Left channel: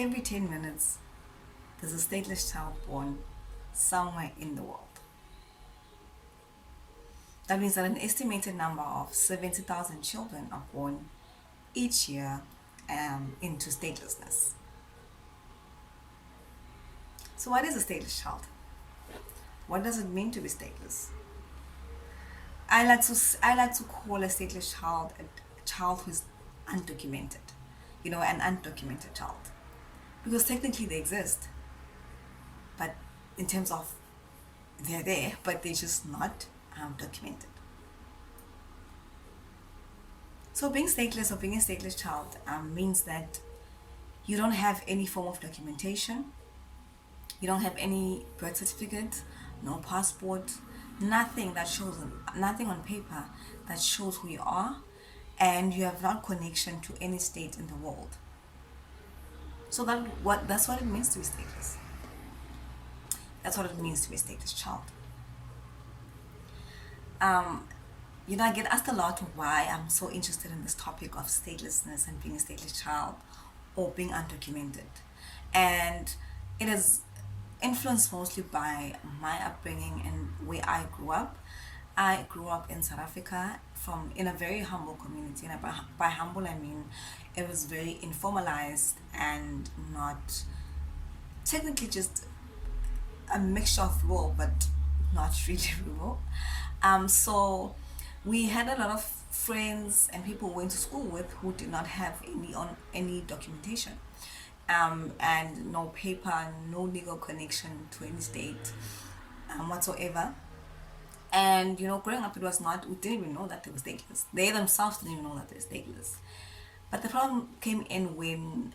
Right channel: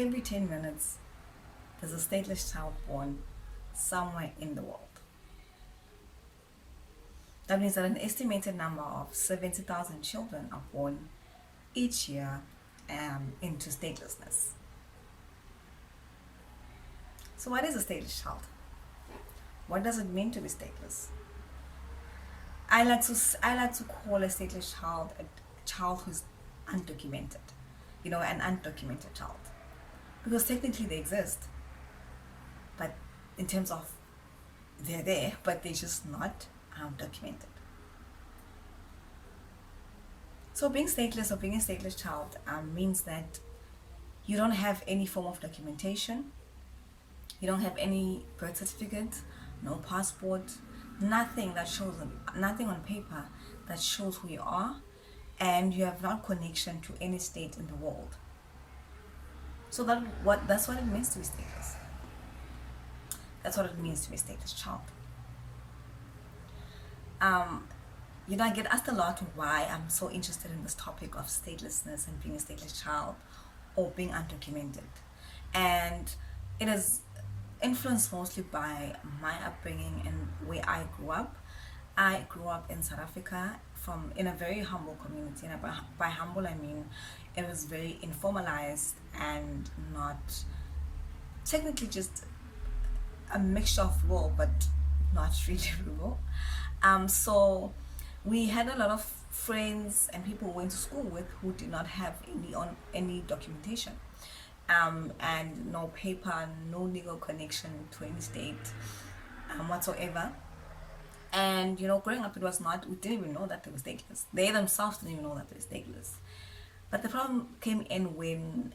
every 10 minutes, there's a stateless child born somewhere in the world. That means that an estimated number of 70,000 children are born each year into statelessness. So, what is a stateless child? What does it mean to be stateless? I like to call a stateless child a child who's undocumented, an undocumented child, because technically they exist, but in terms of they're there, but they're just not documented. So being stateless or being a stateless child means that you don't have any form of documentation. You don't have any birth certificate, no passport, nothing on paper that shows who you are, and you have no connection to any state in the world. So that's what it means to be stateless. That's what it means to be a stateless child. Um, I get asked a lot why I'm so interested in this topic of statelessness and being a stateless child or being undocumented. And it is influenced mostly by my upbringing and where I grew up. I grew up in South Africa in a very humble community, and by humble I mean it was very informalized and not technically just a mixture of rural, but not really rural. So we had a lot of friends and people we went to school with who did not have any documentation, and no paper, no legal connection to any state, whatsoever. And growing up, we didn't even know that they were stateless. They themselves didn't even know that they're stateless. But the problem came in when,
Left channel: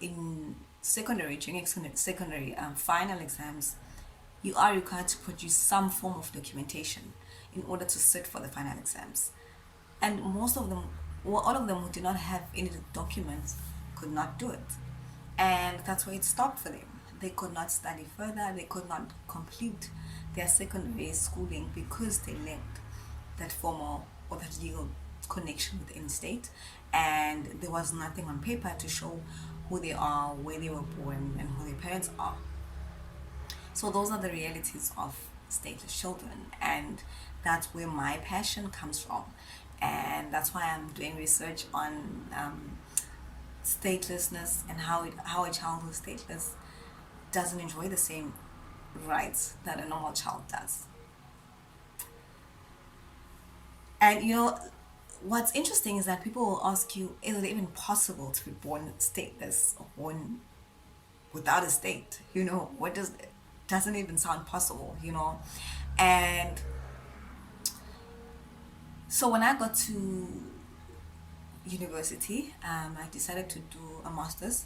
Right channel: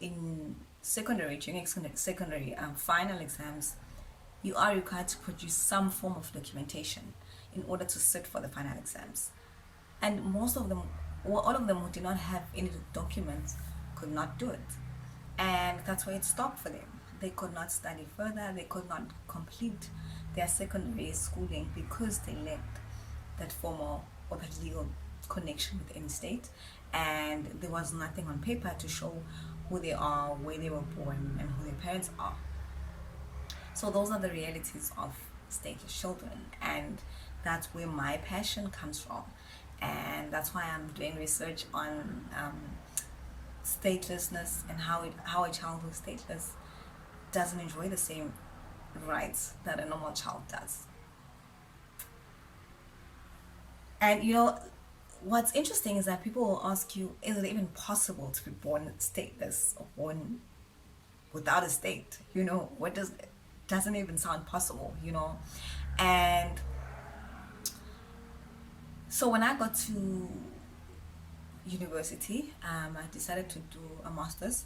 in during secondary final exams, you are required to produce some form of documentation in order to sit for the final exams. And most of them, well, all of them who did not have any documents could not do it. And that's where it stopped for them. They could not study further, they could not complete their secondary schooling because they lacked that formal or that legal connection with any state, and there was nothing on paper to show who they are, where they were born, and who their parents are. So those are the realities of stateless children, and that's where my passion comes from, and that's why I'm doing research on statelessness and how a child who's stateless doesn't enjoy the same rights that a normal child does. And what's interesting is that people will ask you, is it even possible to be born stateless or born without a state? What doesn't even sound possible. And so when I got to university, I decided to do a master's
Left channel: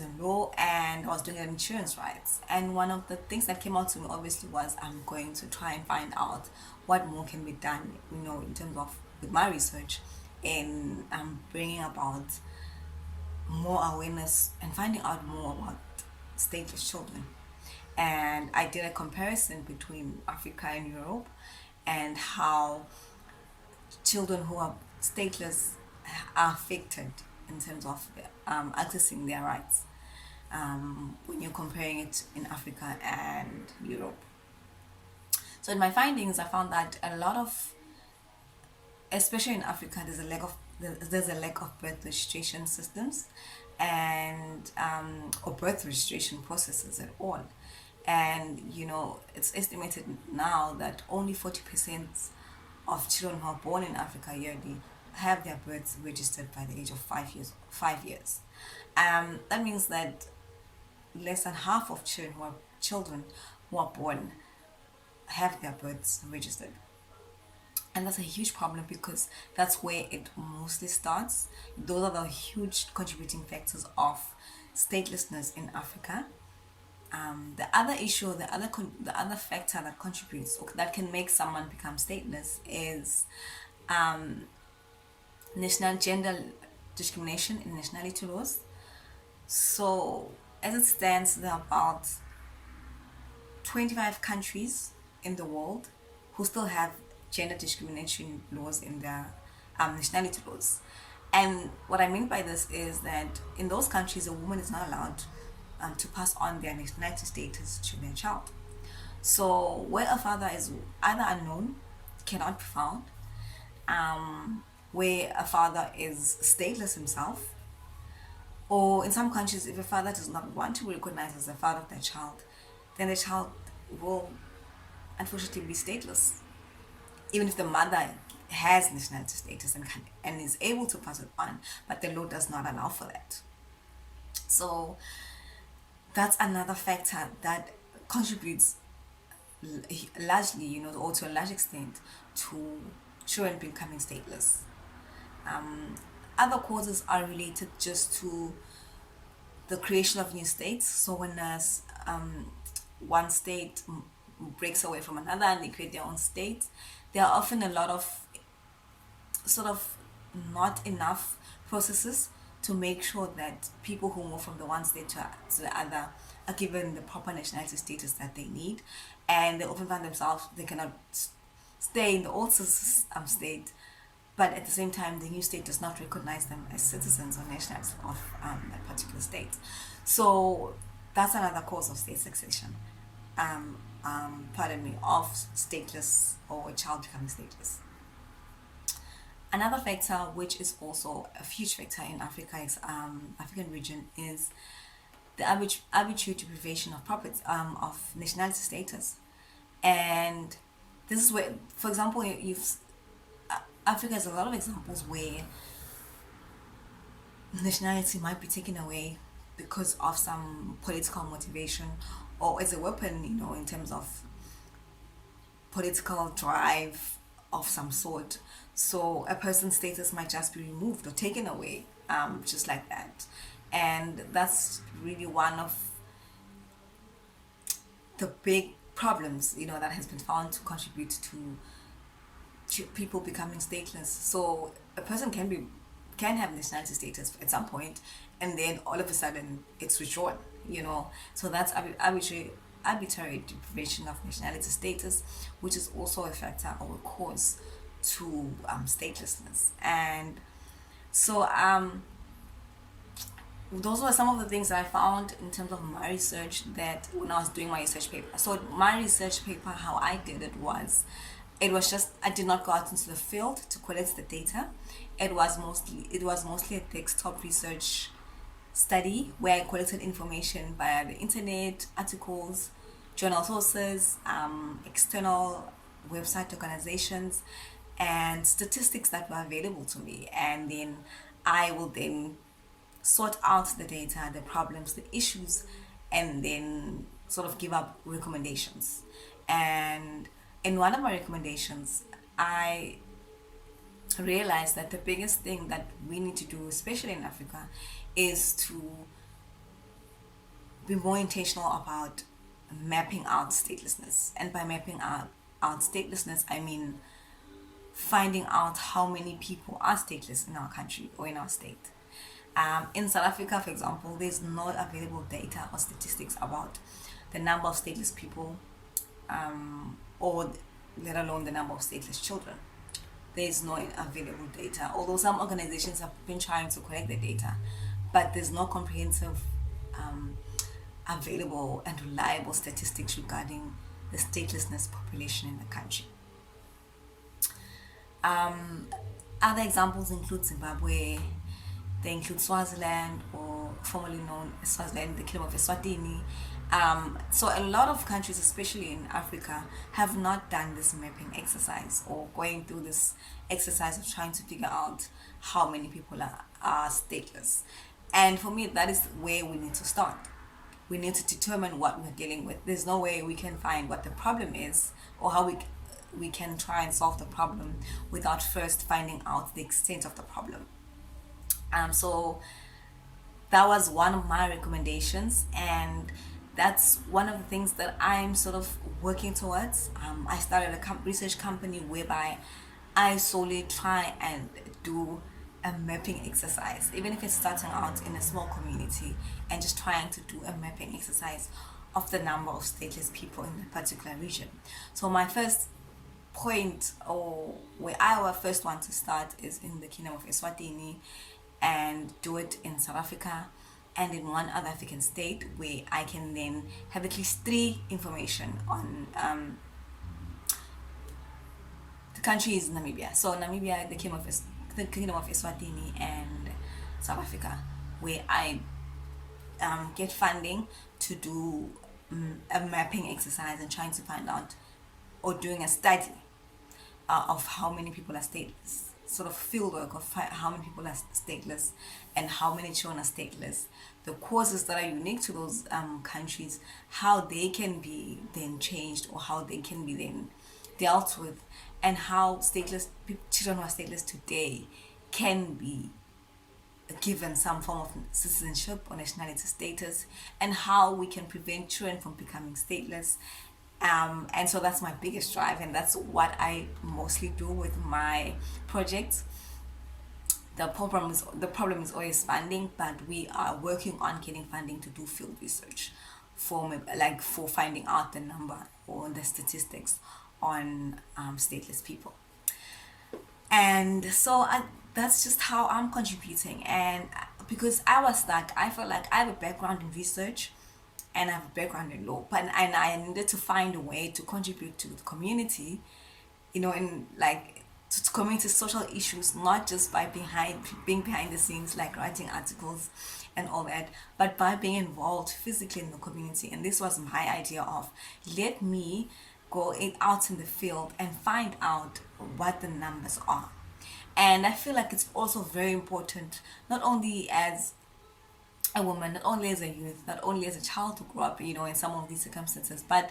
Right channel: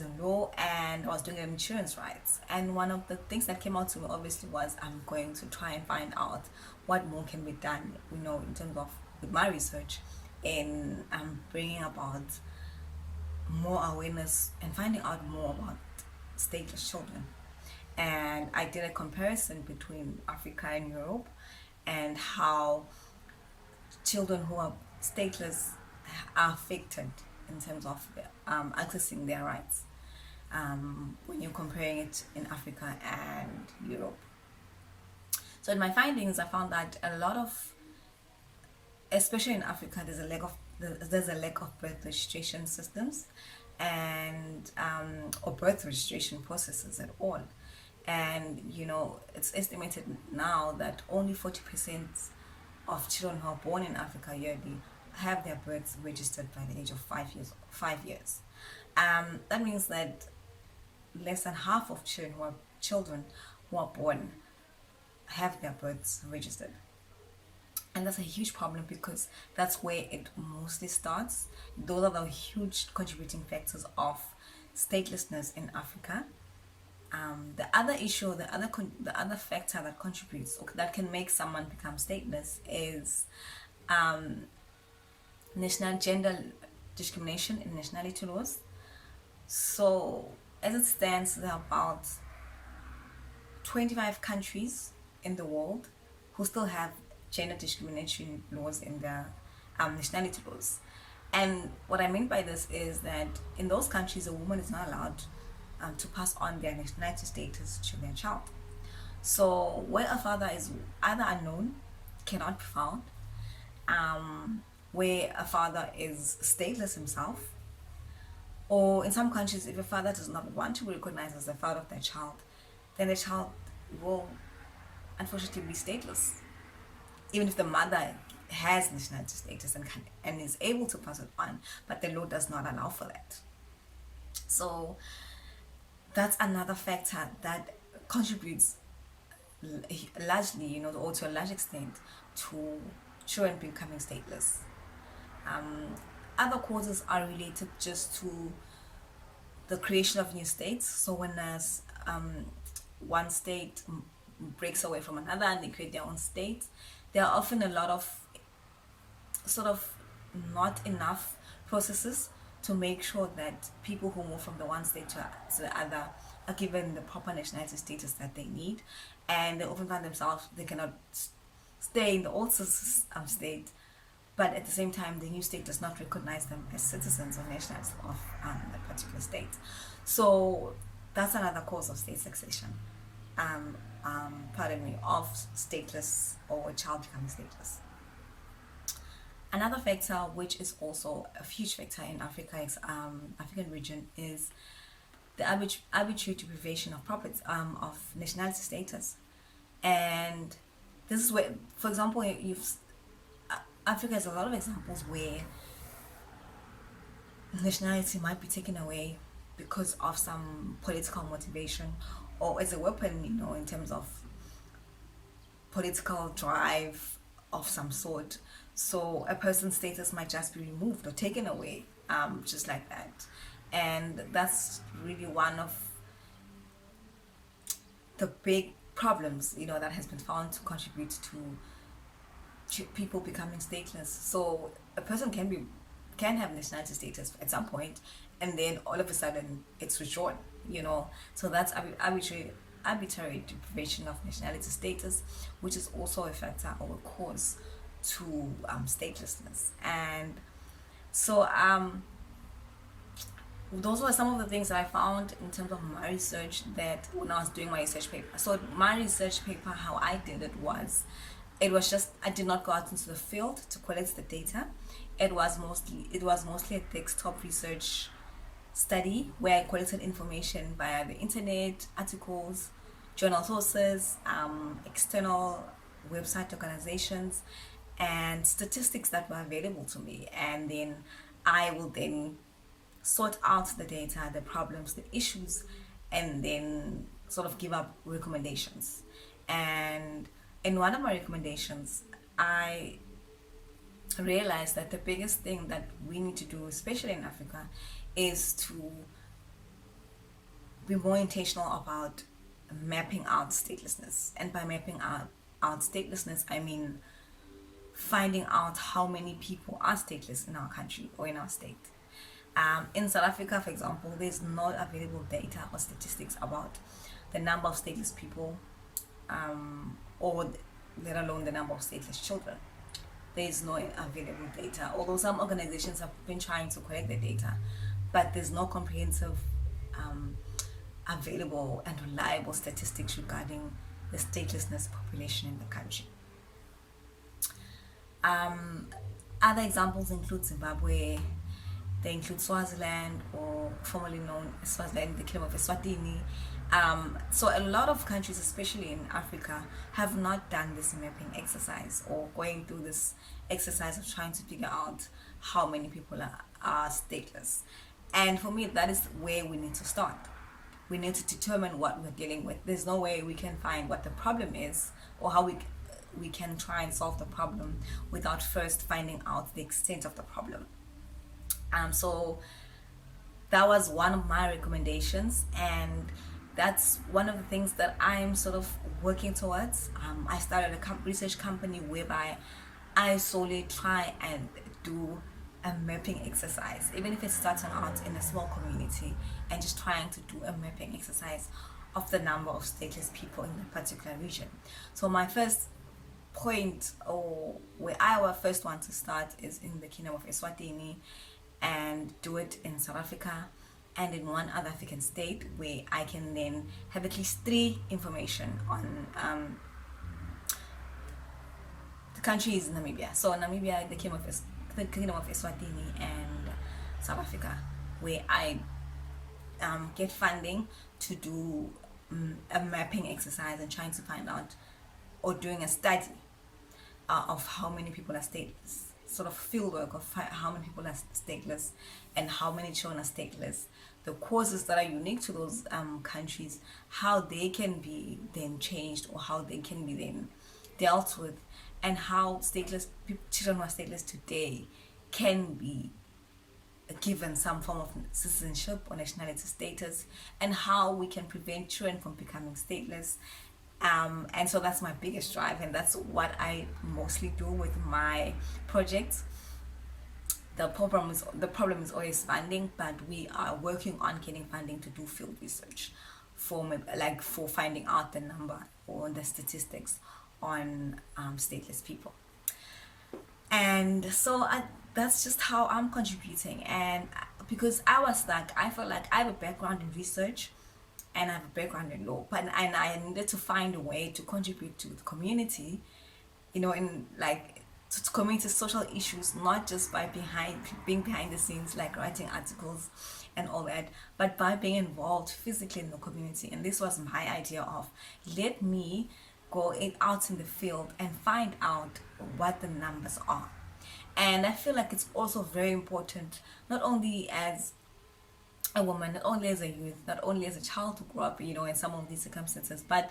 in law, and I was doing insurance rights. And one of the things that came out to me obviously was I'm going to try and find out what more can be done, in terms of with my research in bringing about more awareness and finding out more about stateless children. And I did a comparison between Africa and Europe, and how children who are stateless are affected in terms of accessing their rights, when you're comparing it in Africa and Europe. So in my findings, I found that a lot of, especially in Africa, there's a lack of birth registration systems, and or birth registration processes at all. And it's estimated now that only 40% of children who are born in Africa yearly have their births registered by the age of 5 years. That means that less than half of children who are born have their births registered. And that's a huge problem, because that's where it mostly starts. Those are the huge contributing factors of statelessness in Africa. The other issue, the other factor that contributes, or that can make someone become stateless, is national gender discrimination in nationality laws. So as it stands, there are about 25 countries in the world who still have gender discrimination laws in their nationality laws. And what I mean by this is that in those countries, a woman is not allowed to pass on their nationality status to their child. So where a father is either unknown, cannot be found, where a father is stateless himself, or in some countries, if a father does not want to be recognized as the father of their child, then the child will unfortunately be stateless, even if the mother has nationality status and is able to pass it on, but the law does not allow for that. So that's another factor that contributes largely, or to a large extent, to children becoming stateless. Um, Other causes are related just to the creation of new states. So when one state breaks away from another and they create their own state, there are often a lot of sort of not enough processes to make sure that people who move from the one state to the other are given the proper nationality status that they need, and they often find themselves they cannot stay in the old state, but at the same time the new state does not recognize them as citizens or nationals of that particular state. So that's another cause of state succession. Of stateless or a child becoming stateless. Another factor, which is also a huge factor in African region, is the arbitrary deprivation of of nationality status. And this is where, for example, Africa has a lot of examples where nationality might be taken away because of some political motivation or as a weapon, in terms of political drive of some sort. So a person's status might just be removed or taken away, just like that. And that's really one of the big problems, that has been found to contribute to people becoming stateless. So a person can have nationality status at some point, and then all of a sudden it's withdrawn. So that's arbitrary deprivation of nationality status, which is also a factor or a cause to statelessness. And so those were some of the things that I found in terms of my research, that when I was doing my research paper. So my research paper, how I did it was just, I did not go out into the field to collect the data. It was mostly a desktop research study where I collected information via the internet, articles, journal sources, external website organizations, and statistics that were available to me. And then I will then sort out the data, the problems, the issues, and then sort of give up recommendations. And in one of my recommendations, I realized that the biggest thing that we need to do, especially in Africa, is to be more intentional about mapping out statelessness. And by mapping out statelessness, I mean finding out how many people are stateless in our country or in our state. In South Africa, for example, there's no available data or statistics about the number of stateless people, or let alone the number of stateless children. There's no available data, although some organizations have been trying to collect the data, but there's no comprehensive, available and reliable statistics regarding the statelessness population in the country. Other examples include Zimbabwe. They include Swaziland, or formerly known as Swaziland, the Kingdom of Eswatini. So a lot of countries, especially in Africa, have not done this mapping exercise or going through this exercise of trying to figure out how many people are stateless. And for me, that is where we need to start. We need to determine what we're dealing with. There's no way we can find what the problem is or how we can try and solve the problem without first finding out the extent of the problem. So that was one of my recommendations, and that's one of the things that I'm sort of working towards. I started a research company whereby I solely try and do a mapping exercise, even if it's starting out in a small community and just trying to do a mapping exercise of the number of stateless people in a particular region. So my first point, or where I first want to start, is in the Kingdom of Eswatini, and do it in South Africa and in one other African state, where I can then have at least three information on the country is Namibia. So Namibia, the Kingdom of Eswatini, and South Africa, where I get funding to do a mapping exercise and trying to find out, or doing a study of how many people are stateless, sort of field work of how many people are stateless and how many children are stateless, the causes that are unique to those countries, how they can be then changed, or how they can be then dealt with, and how children who are stateless today can be given some form of citizenship or nationality status, and how we can prevent children from becoming stateless. And so that's my biggest drive, and that's what I mostly do with my projects. The problem is always funding, but we are working on getting funding to do field research for finding out the number or the statistics on stateless people. And so that's just how I'm contributing. And because I was stuck, I felt like I have a background in research and I have a background in law, and I needed to find a way to contribute to the community, in to community social issues, not just by being behind the scenes, like writing articles and all that, but by being involved physically in the community. And this was my idea of, let me go out in the field and find out what the numbers are. And I feel like it's also very important, not only as a woman, not only as a youth, not only as a child who grew up, in some of these circumstances, but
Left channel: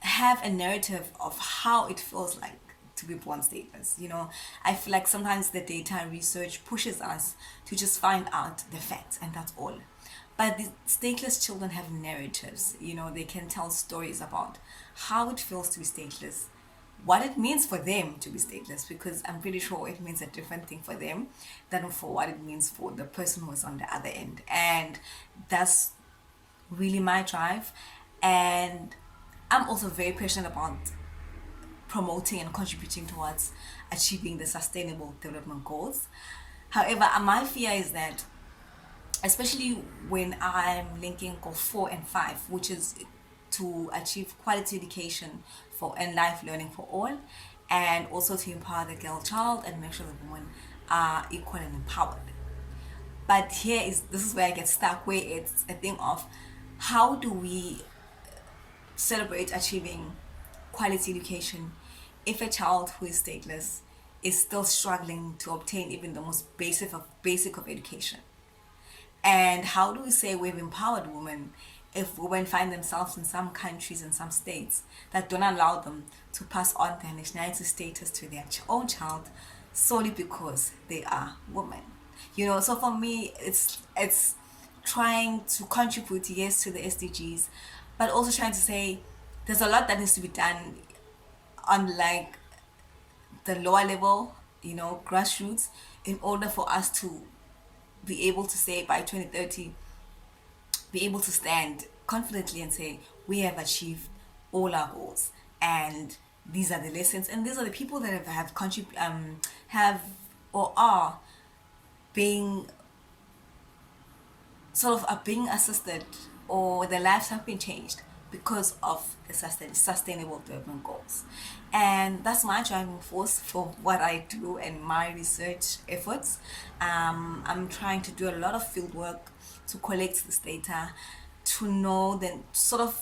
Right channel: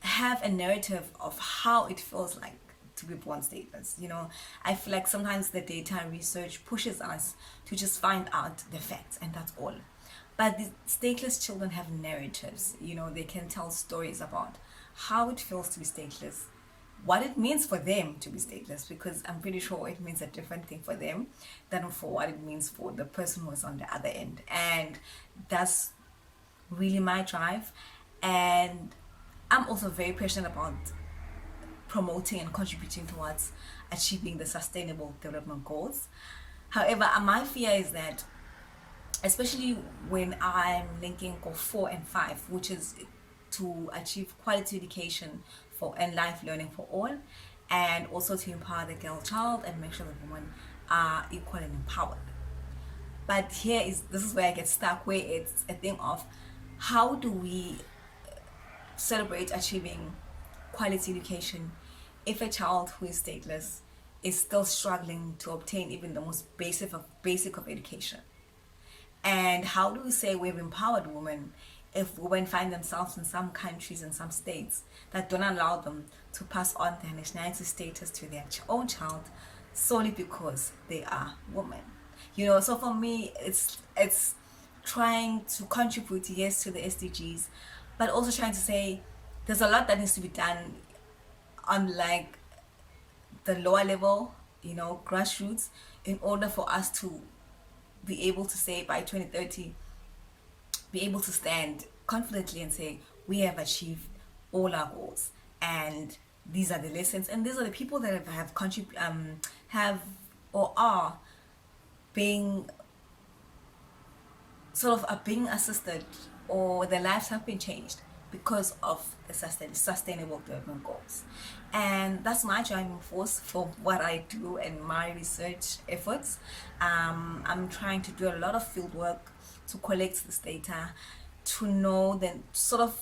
have a narrative of how it feels like to be born stateless. I feel like sometimes the data research pushes us to just find out the facts, and that's all. But the stateless children have narratives. They can tell stories about how it feels to be stateless, what it means for them to be stateless, because I'm pretty sure it means a different thing for them than for what it means for the person who is on the other end. And that's really my drive. And I'm also very passionate about promoting and contributing towards achieving the sustainable development goals. However, my fear is that, especially when I'm linking goal 4 and 5, which is to achieve quality education and life learning for all, and also to empower the girl child and make sure that women are equal and empowered. But this is where I get stuck, where it's a thing of, how do we celebrate achieving quality education if a child who is stateless is still struggling to obtain even the most basic of education? And how do we say we've empowered women if women find themselves in some countries and some states that don't allow them to pass on their nationality status to their own child solely because they are women? So for me, it's trying to contribute, yes, to the SDGs, but also trying to say there's a lot that needs to be done on the lower level, grassroots, in order for us to be able to say by 2030, be able to stand confidently and say we have achieved all our goals, and these are the lessons, and these are the people that have or are being being assisted, or their lives have been changed because of the sustainable development goals. And that's my driving force for what I do and my research efforts. I'm trying to do a lot of field work to collect this data, to know, then sort of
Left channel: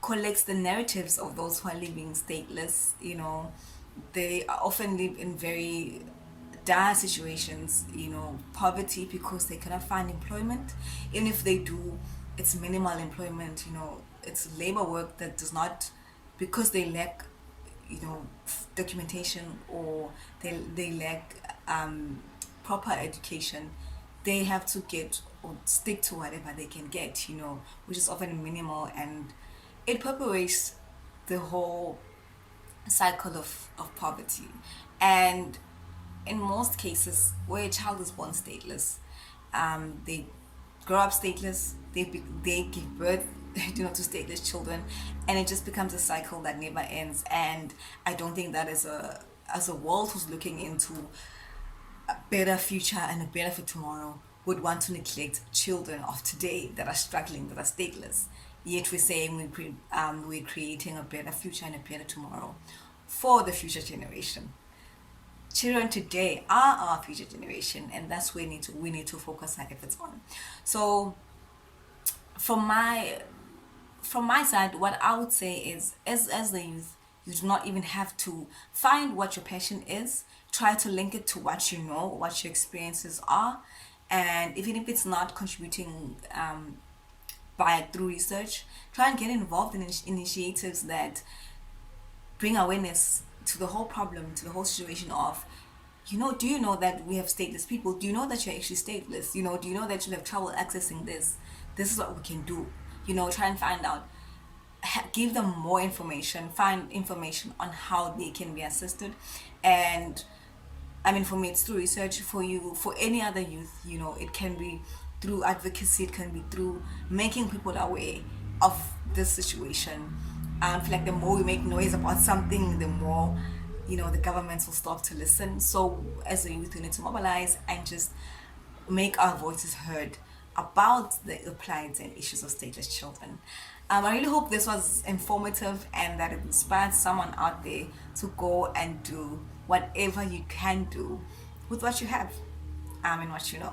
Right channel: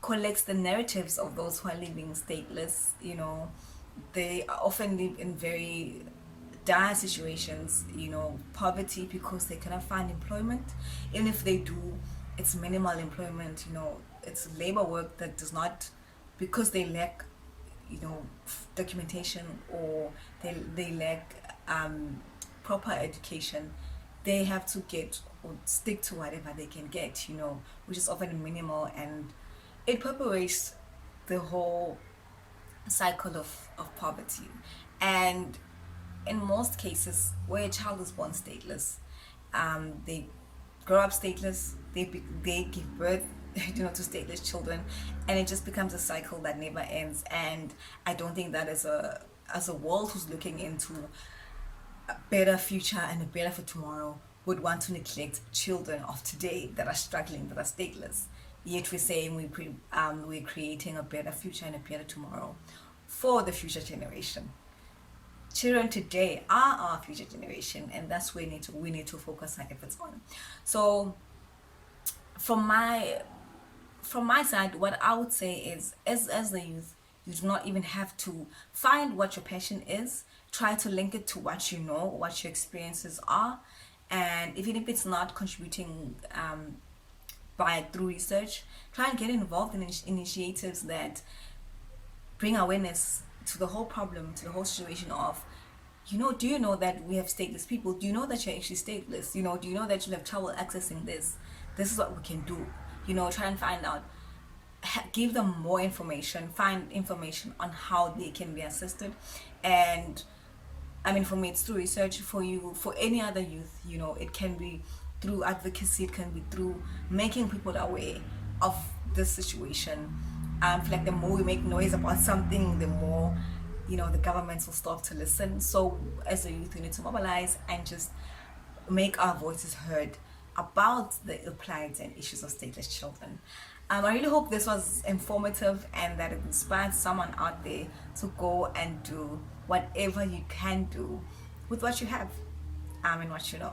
collect the narratives of those who are living stateless. They often live in very dire situations, poverty, because they cannot find employment. Even if they do, it's minimal employment, it's labor work that does not, because they lack documentation, or they lack proper education, they have to get or stick to whatever they can get, which is often minimal, and it perpetuates the whole cycle of poverty. And in most cases where a child is born stateless, they grow up stateless, they give birth to stateless children, and it just becomes a cycle that never ends. And I don't think that as a world who's looking into a better future and a better for tomorrow would want to neglect children of today that are struggling, that are stateless. Yet we're saying we're creating a better future and a better tomorrow for the future generation. Children today are our future generation, and that's where we need to focus our efforts on. So from my side, what I would say is, as the youth, you do not even have to find what your passion is. Try to link it to what you know, what your experiences are, and even if it's not contributing by through research, try and get involved in initiatives that bring awareness to the whole problem, to the whole situation of, do you know that we have stateless people? Do you know that you're actually stateless? Do you know that you have trouble accessing this? This is what we can do. Try and find out, give them more information, find information on how they can be assisted. And I mean, for me, it's through research. For you, for any other youth, it can be through advocacy, it can be through making people aware of this situation. I feel like the more we make noise about something, the more, the governments will start to listen. So as a youth, we need to mobilize and just make our voices heard about the plight and issues of stateless children. I really hope this was informative and that it inspired someone out there to go and do whatever you can do with what you have and what you know.